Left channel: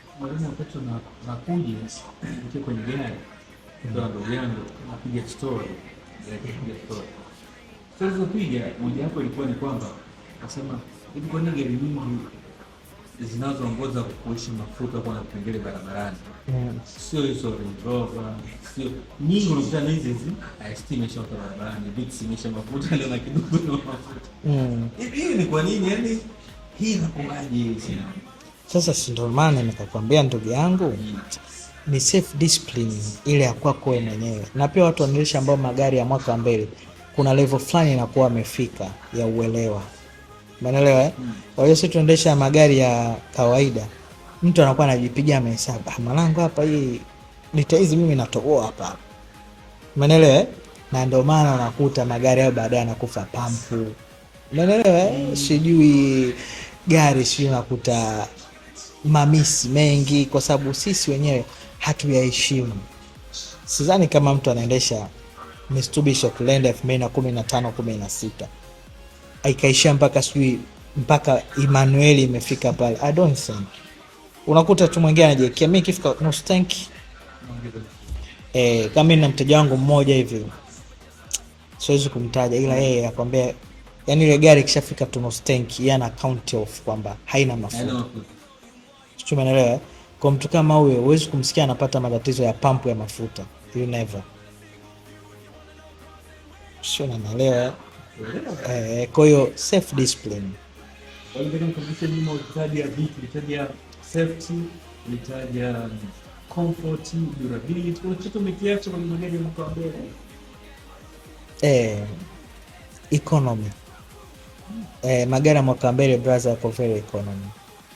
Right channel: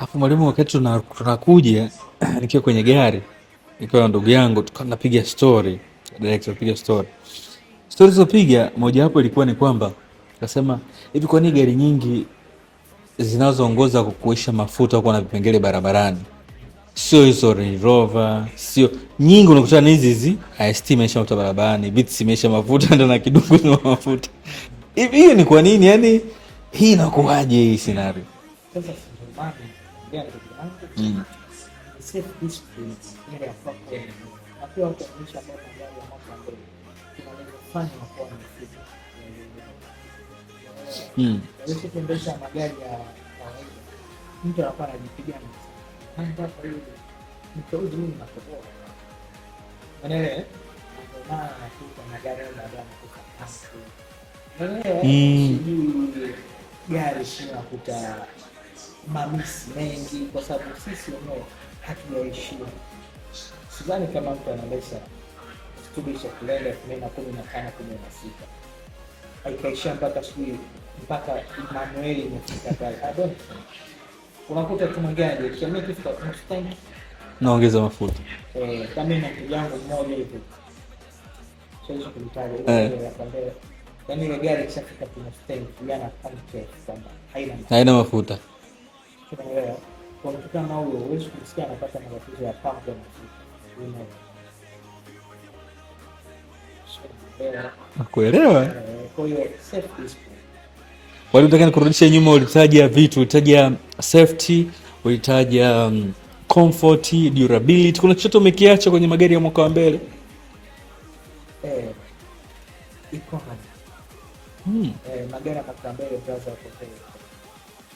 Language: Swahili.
Hapo mwalimu, wakati tunakuja nikiwa kwenye gari nikiwa na ndugu yangu, tukawa tunapiga story direct, tunapiga story zilizopiga, moja wapo ilikuwa ni kwamba akasema hivi, kwa nini gari nyingi zinazoongoza kukuisha mafuta huko na vipengele barabarani sio hizo Range Rover, sio nyingi, unakutana na hizi IST imeisha mafuta barabarani, Vitz imeisha mafuta ndo na kidogo na mafuta hivi. Hiyo ni kwa nini? Yani hii inakuwaje hii scenario? Sasa si ndio maana nikakwambia ndugu yangu, ni self discipline ile ya kwako wewe mwenyewe. Na pia watu wanaendesha ambao magari ya mwaka mbele, kuna level fulani inakuwa amefika ya uelewa, umeelewa Kwa hiyo sisi tunaendesha magari ya kawaida, mtu anakuwa anajipigia mahesabu, mwanangu hapa hii lita hizi mimi natoboa hapa, umeelewa Na ndio maana unakuta magari hayo baadaye yanakufa pampu, umeelewa Sijui gari sio, unakuta mamisi mengi kwa sababu sisi wenyewe hatuyaheshimu. Sidhani kama mtu anaendesha Mitsubishi Outlander 2015-16 aikaishia mpaka Emmanuel imefika pale. I don't think. Unakuta tu mwingine anajiwekea, mimi kifika nusu tanki naongeza mafuta. Kama mimi na mteja wangu mmoja hivi, siwezi kumtaja, ila yeye akwambia yani ile gari ikishafika tu nusu tanki yana account off kwamba haina mafuta. Umeelewa? Kwa mtu kama huyo huwezi kumsikia anapata matatizo ya pampu ya mafuta. You never. Sio, unaelewa? Nakuelewa. Kwa hiyo self discipline. Wale unataka kurudisha nyuma, ulitaja vitu, ulitaja safety, ulitaja comfort, durability. Kuna kitu umekiacha kwenye magari ya mwaka wa mbele? Economy. Magari ya mwaka mbele brother, kwa very economy.